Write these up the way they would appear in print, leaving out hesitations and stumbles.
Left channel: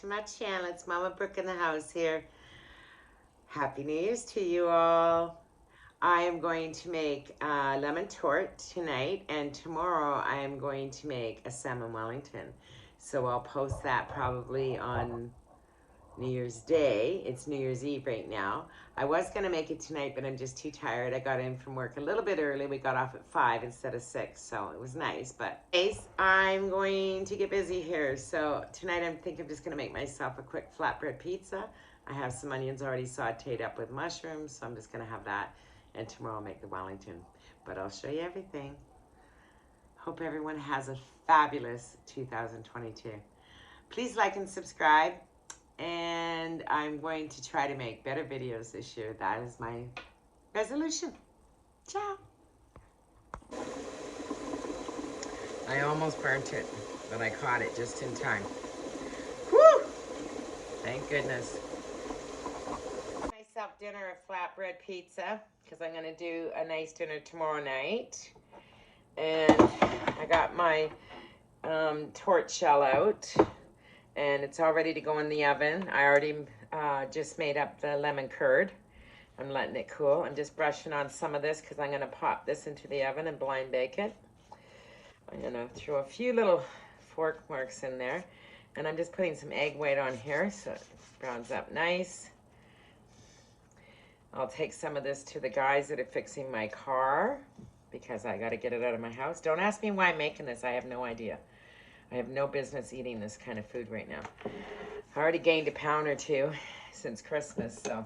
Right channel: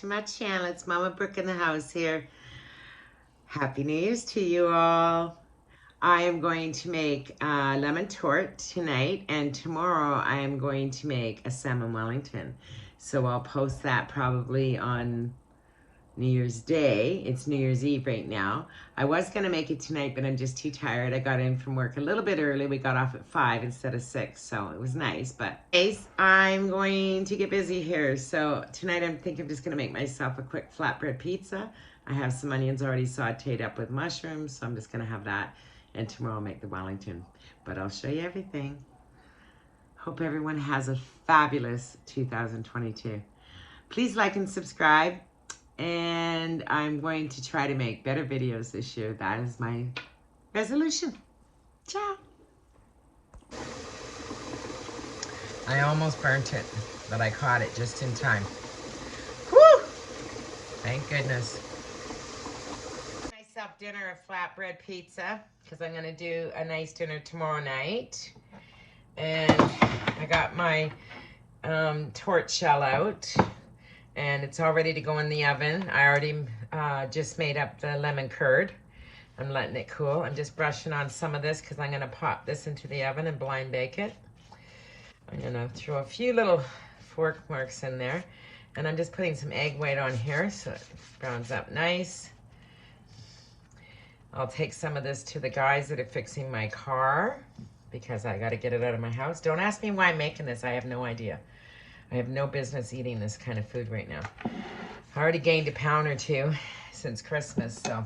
to my channel. It's Mama Brooke in the house here. Happy New Year's to you all. I am going to make a lemon tort tonight, and tomorrow I am going to make a salmon Wellington. So I'll post that probably on New Year's Day. It's New Year's Eve right now. I was going to make it tonight, but I'm just too tired. I got in from work a little bit early. We got off at 5 instead of 6, so it was nice. But anyways, I'm going to get busy here. So tonight I think I'm just going to make myself a quick flatbread pizza. I have some onions already sauteed up with mushrooms, so I'm just going to have that. And tomorrow I'll make the Wellington. But I'll show you everything. Hope everyone has a fabulous 2022. Please like and subscribe. And I'm going to try to make better videos this year. That is my resolution. Ciao. I almost burnt it, but I caught it just in time. Whew! Thank goodness. Myself dinner of flatbread pizza because I'm going to do a nice dinner tomorrow night. And I got my tort shell out. And it's all ready to go in the oven. I already just made up the lemon curd. I'm letting it cool. I'm just brushing on some of this because I'm going to pop this into the oven and blind bake it. I'm going to throw a few little fork marks in there. And I'm just putting some egg white on here so it browns up nice. I'll take some of this to the guys that are fixing my car because I got to get it out of my house. Don't ask me why I'm making this. I have no idea. I have no business eating this kind of food right now. I already gained a pound or two since Christmas, so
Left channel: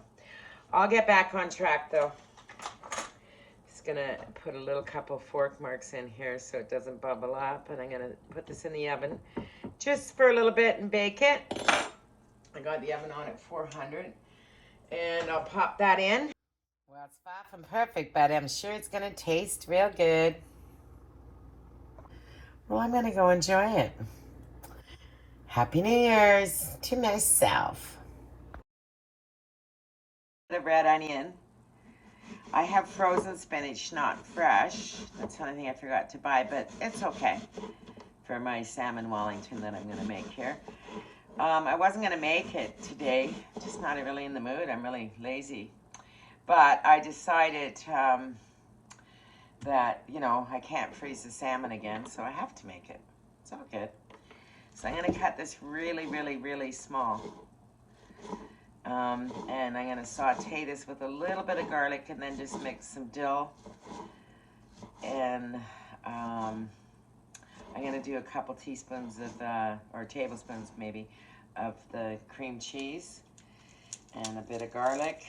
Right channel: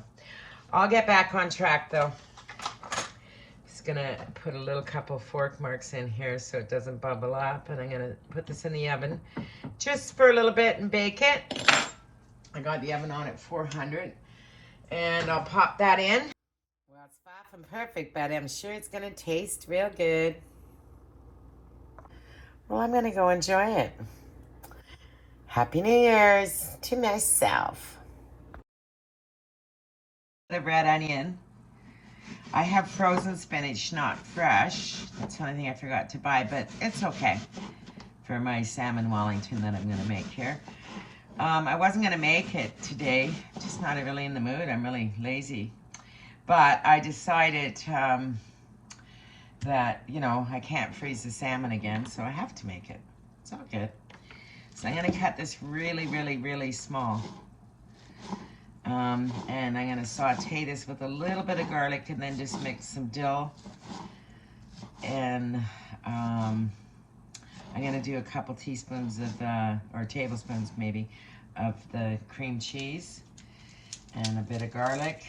I'll get back on track though. Just gonna put a little couple fork marks in here so it doesn't bubble up, and I'm gonna put this in the oven just for a little bit and bake it. I got the oven on at 400, and I'll pop that in. Well, it's far from perfect, but I'm sure it's gonna taste real good. Well, I'm going to go enjoy it. Happy New Year's to myself. The red onion. I have frozen spinach, not fresh. That's one thing I forgot to buy, but it's okay for my salmon Wellington that I'm going to make here. I wasn't going to make it today. Just not really in the mood. I'm really lazy. But I decided that, you know, I can't freeze the salmon again, so I have to make it. It's all good. So I'm going to cut this really, really, really small. And I'm going to saute this with a little bit of garlic and then just mix some dill. And I'm going to do a couple teaspoons of, or tablespoons maybe, of the cream cheese and a bit of garlic.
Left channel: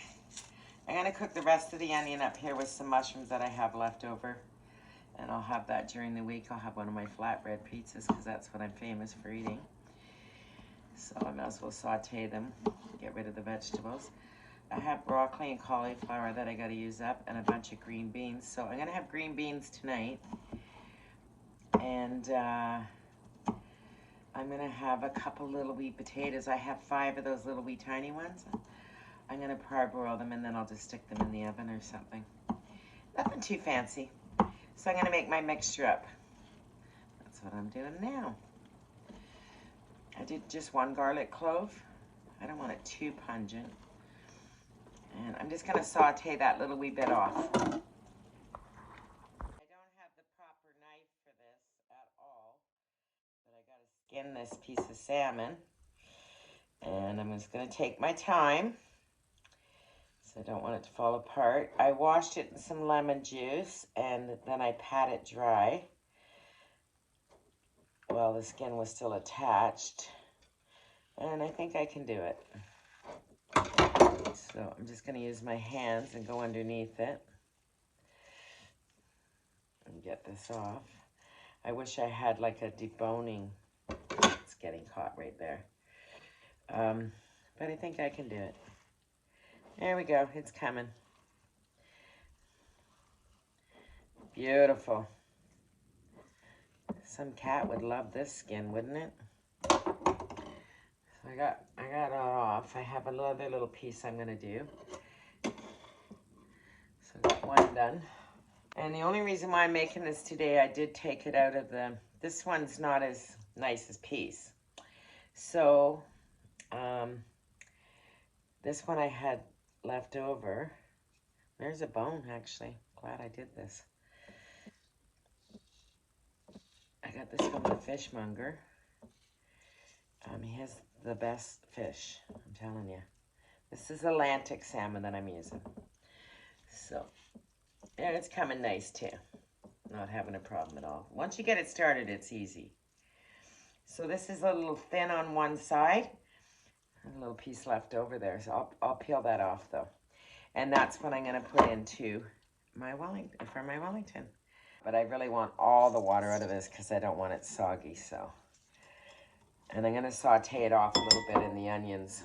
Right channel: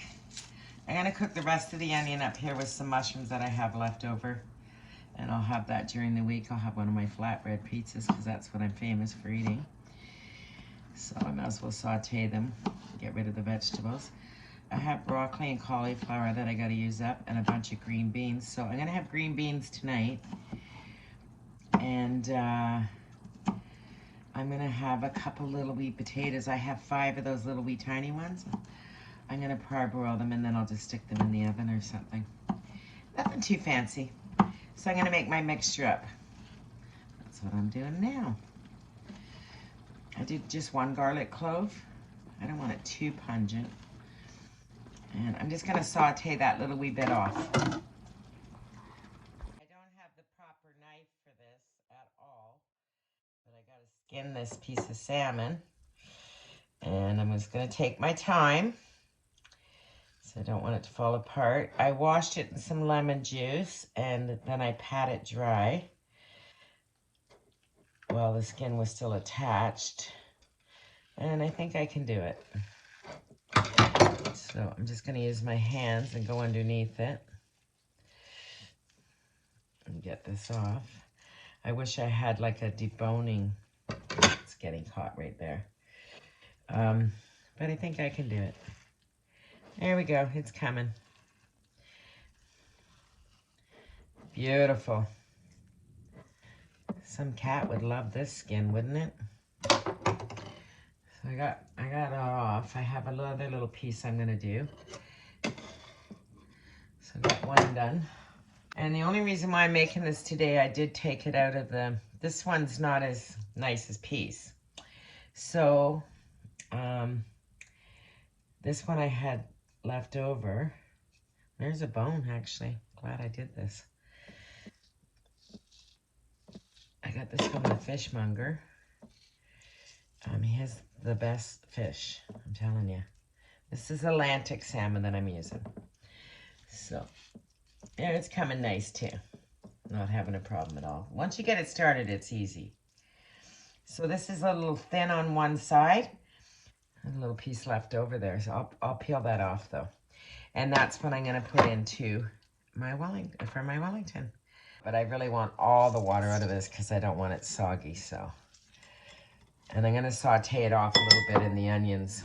I'm going to cook the rest of the onion up here with some mushrooms that I have left over. And I'll have that during the week. I'll have one of my flatbread pizzas because that's what I'm famous for eating. So I might as well saute them, get rid of the vegetables. I have broccoli and cauliflower that I got to use up and a bunch of green beans. So I'm going to have green beans tonight. And I'm going to have a couple little wee potatoes. I have 5 of those little wee tiny ones. I'm going to parboil them and then I'll just stick them in the oven or something. Nothing too fancy. So I'm going to make my mixture up. That's what I'm doing now. I did just 1 garlic clove. I don't want it too pungent. And I'm just going to saute that little wee bit off. I don't have the proper knife for this at all. But I got to skin this piece of salmon. And I'm just going to take my time. I don't want it to fall apart. I washed it in some lemon juice and then I pat it dry while the skin was still attached. And I think I can do it. So I'm just going to use my hands and go underneath it and get this off. I wish I had like a deboning. It's getting caught right there. But I think I can do it. There we go, it's coming. Beautiful. Some cat would love this skin, wouldn't it? So I got it off. I have another little piece I'm gonna do. So I got one done. And the only reason why I'm making this today, I did take it out of the, this one's not as nice as peas. So Um, this one I had left over. There's a bone, actually. Glad I did this. I got this from the fishmonger. He has the best fish, I'm telling you. This is Atlantic salmon that I'm using. So, yeah, it's coming nice too. Not having a problem at all. Once you get it started, it's easy. So this is a little thin on one side. A little piece left over there, so I'll peel that off though. And that's what I'm gonna put into my Wellington. But I really want all the water out of this because I don't want it soggy, so. And I'm gonna saute it off a little bit in the onions.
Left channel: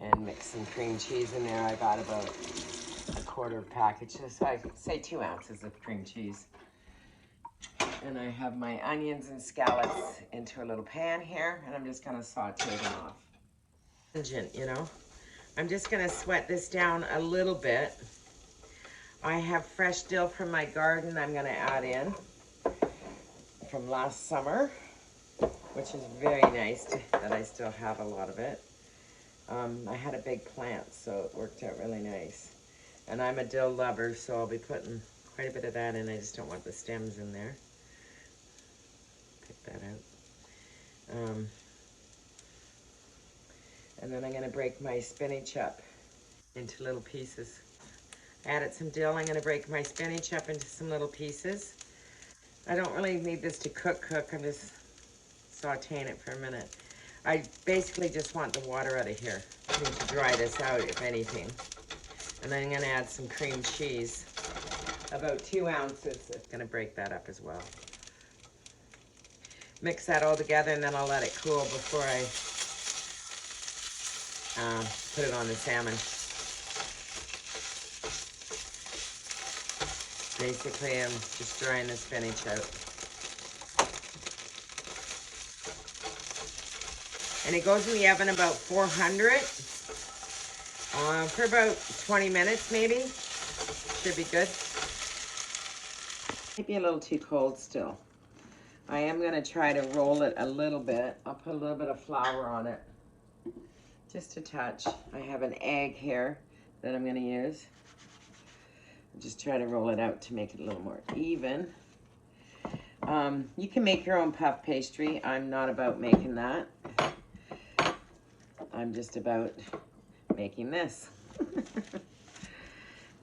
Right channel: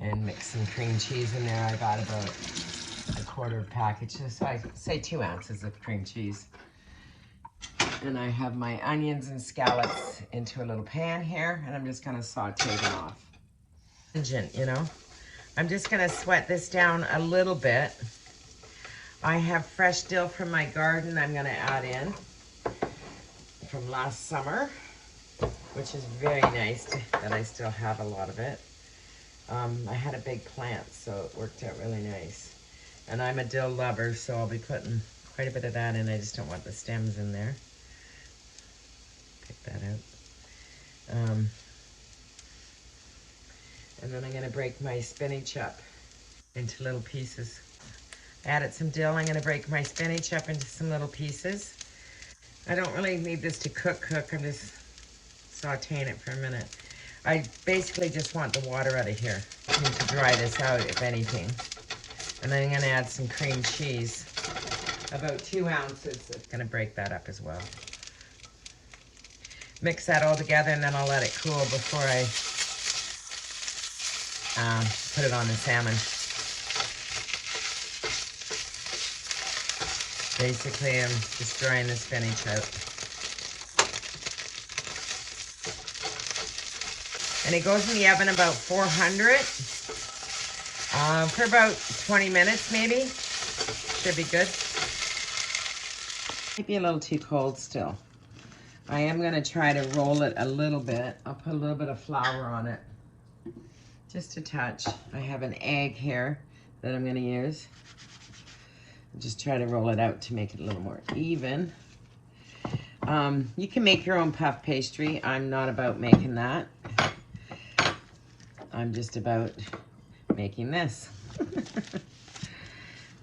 And mix some cream cheese in there. I got about a quarter package, so I say 2 ounces of cream cheese. And I have my onions and scallops into a little pan here, and I'm just gonna saute them off. You know, I'm just gonna sweat this down a little bit. I have fresh dill from my garden I'm gonna add in from last summer, which is very nice that I still have a lot of it. I had a big plant, so it worked out really nice. And I'm a dill lover, so I'll be putting quite a bit of that in. I just don't want the stems in there. Pick that out. And then I'm gonna break my spinach up into little pieces. Added some dill. I'm gonna break my spinach up into some little pieces. I don't really need this to cook. I'm just sauteing it for a minute. I basically just want the water out of here. I need to dry this out, if anything. And then I'm gonna add some cream cheese. About 2 ounces. I'm gonna break that up as well. Mix that all together and then I'll let it cool before I put it on the salmon. Basically, I'm just drying the spinach out. And it goes in the oven about 400 for about 20 minutes maybe. Should be good. Might be a little too cold still. I am going to try to roll it a little bit. I'll put a little bit of flour on it. Just a touch. I have an egg here that I'm going to use. Just try to roll it out to make it a little more even. You can make your own puff pastry. I'm not about making that. I'm just about making this.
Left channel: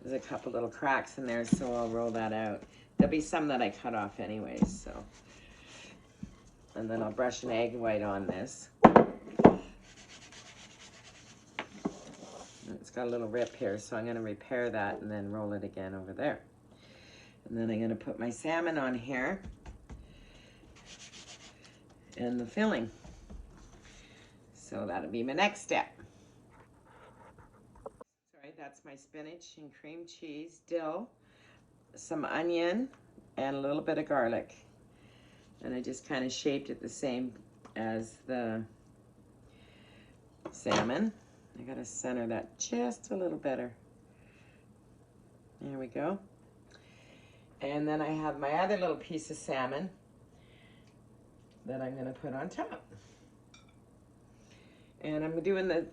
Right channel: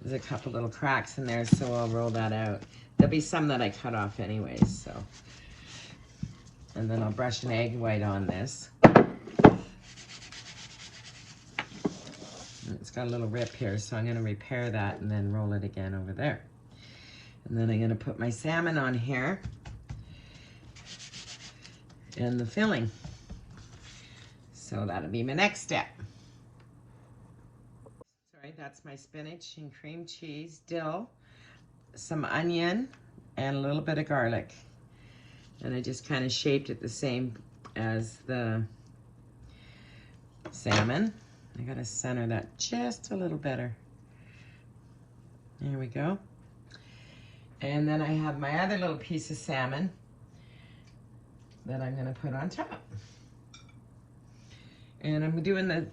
There's a couple little cracks in there, so I'll roll that out. There'll be some that I cut off anyways, so. And then I'll brush an egg white on this. It's got a little rip here, so I'm gonna repair that and then roll it again over there. And then I'm gonna put my salmon on here and the filling. So that'll be my next step. Sorry, that's my spinach and cream cheese, dill, some onion, and a little bit of garlic. And I just kind of shaped it the same as the salmon. I gotta center that just a little better. There we go. And then I have my other little piece of salmon that I'm gonna put on top. And I'm doing the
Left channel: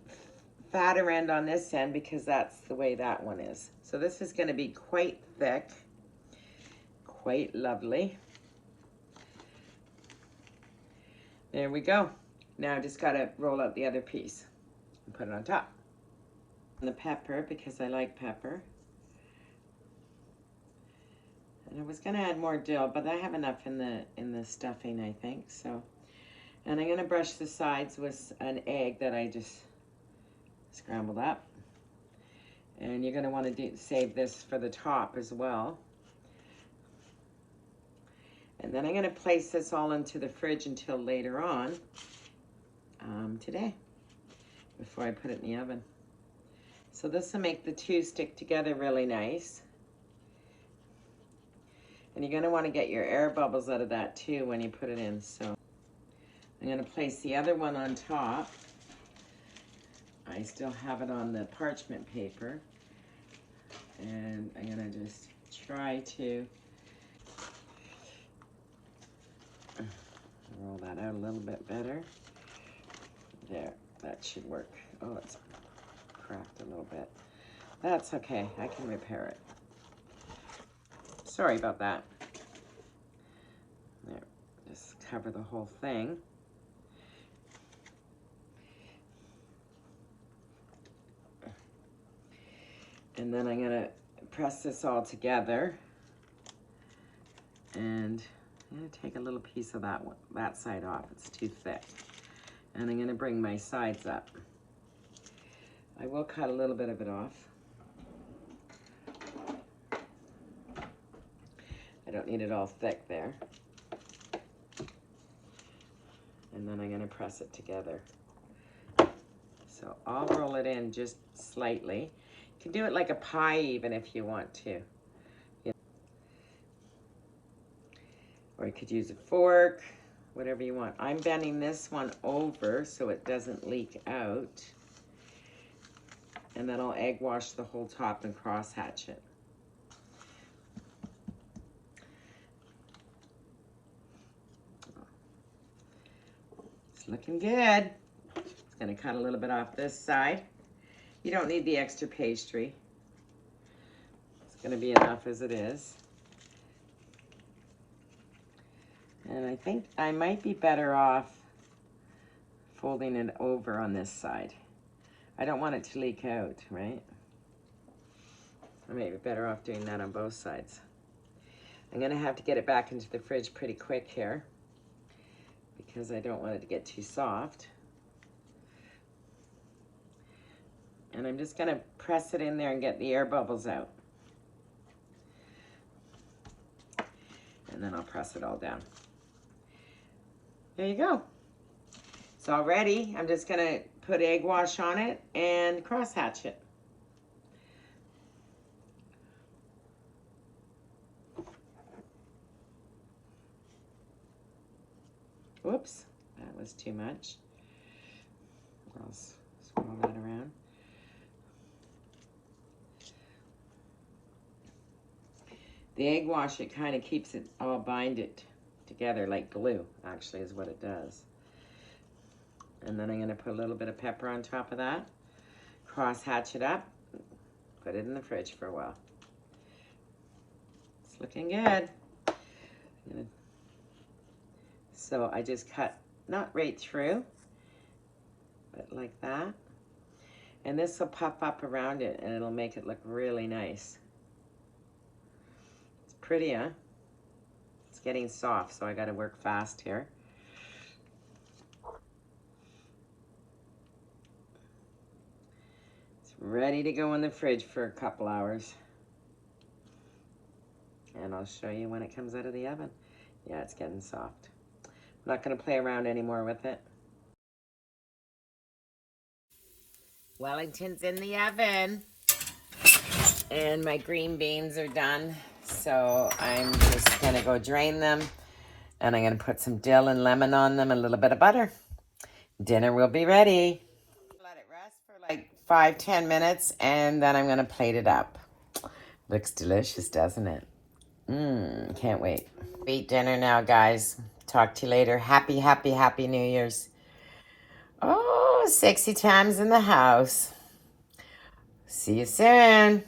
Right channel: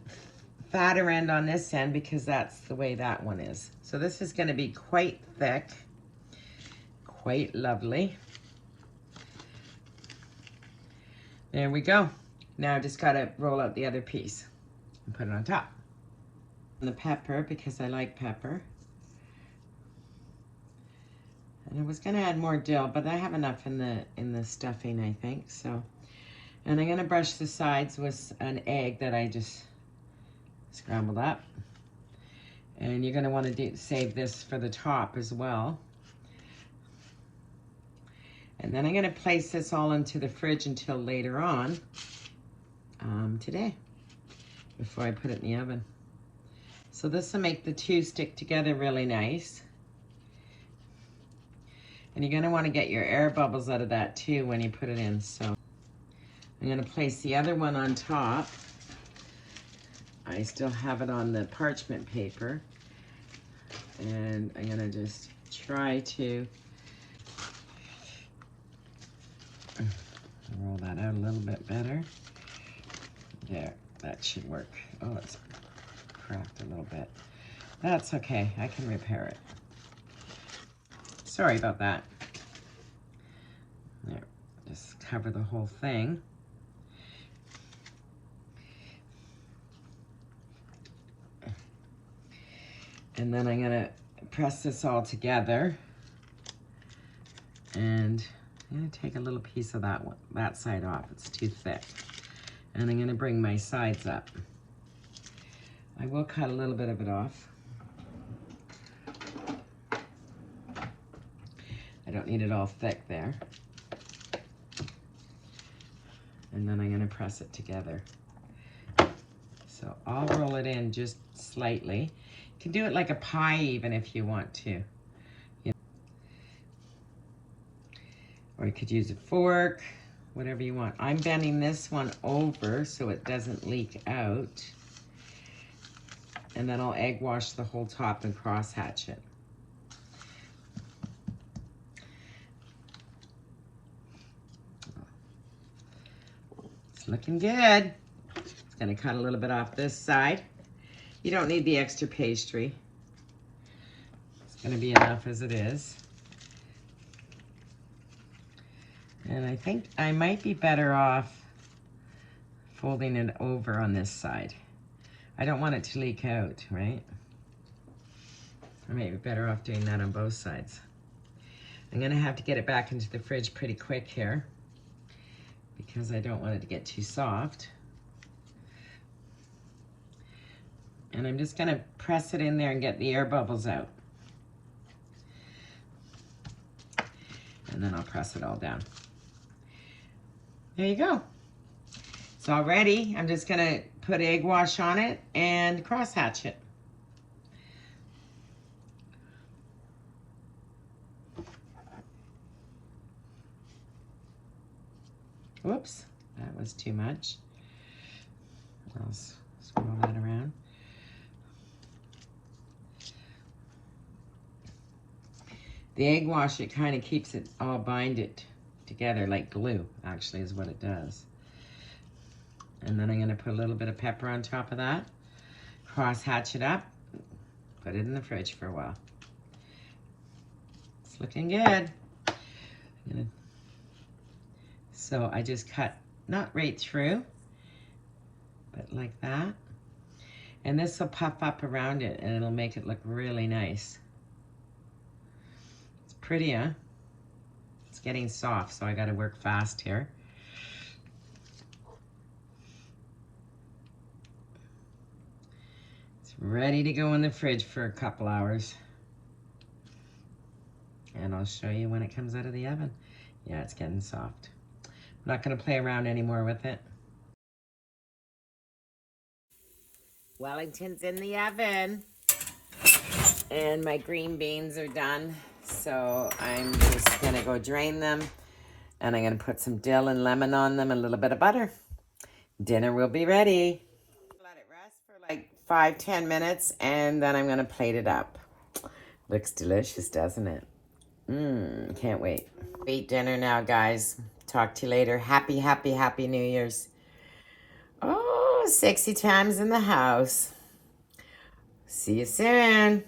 fatter end on this end because that's the way that one is. So this is gonna be quite thick, quite lovely. There we go. Now I just gotta roll out the other piece and put it on top. And the pepper, because I like pepper. And I was gonna add more dill, but I have enough in the stuffing, I think, so. And I'm gonna brush the sides with an egg that I just scrambled up. And you're gonna wanna save this for the top as well. And then I'm gonna place this all into the fridge until later on today, before I put it in the oven. So this will make the two stick together really nice. And you're gonna wanna get your air bubbles out of that too when you put it in, so. I'm gonna place the other one on top. I still have it on the parchment paper. And I'm gonna just try to roll that out a little little bit better. There, that should work. Oh, it's cracked a little bit. That's okay, I can repair it. Sorry about that. There, just cover the whole thing. And then I'm gonna press this all together. And I'm gonna take a little piece of that one, that side off. It's too thick. And I'm gonna bring my sides up. I will cut a little bit of it off. I don't need it all thick there. And then I'm gonna press it together. So I'll roll it in just slightly. You can do it like a pie even if you want to. Or you could use a fork, whatever you want. I'm bending this one over so it doesn't leak out. And then I'll egg wash the whole top and cross hatch it. It's looking good. Just gonna cut a little bit off this side. You don't need the extra pastry. It's gonna be enough as it is. And I think I might be better off folding it over on this side. I don't want it to leak out, right? I may be better off doing that on both sides. I'm gonna have to get it back into the fridge pretty quick here because I don't want it to get too soft. And I'm just gonna press it in there and get the air bubbles out. And then I'll press it all down. There you go. It's all ready. I'm just gonna put egg wash on it and cross hatch it. Whoops, that was too much. I'll swirl that around. The egg wash, it kind of keeps it all binded together like glue, actually, is what it does. And then I'm gonna put a little bit of pepper on top of that, cross hatch it up, put it in the fridge for a while. It's looking good. So I just cut, not right through, but like that. And this will puff up around it and it'll make it look really nice. It's pretty, huh? It's getting soft, so I gotta work fast here. It's ready to go in the fridge for a couple hours. And I'll show you when it comes out of the oven. Yeah, it's getting soft. I'm not gonna play around anymore with it. Wellington's in the oven. And my green beans are done. So I'm just gonna go drain them. And I'm gonna put some dill and lemon on them, and a little bit of butter. Dinner will be ready. Let it rest for like 5-10 minutes, and then I'm gonna plate it up. Looks delicious, doesn't it? Can't wait. Eat dinner now, guys. Talk to you later. Happy, happy, happy New Year's. Oh, sexy times in the house. See you soon.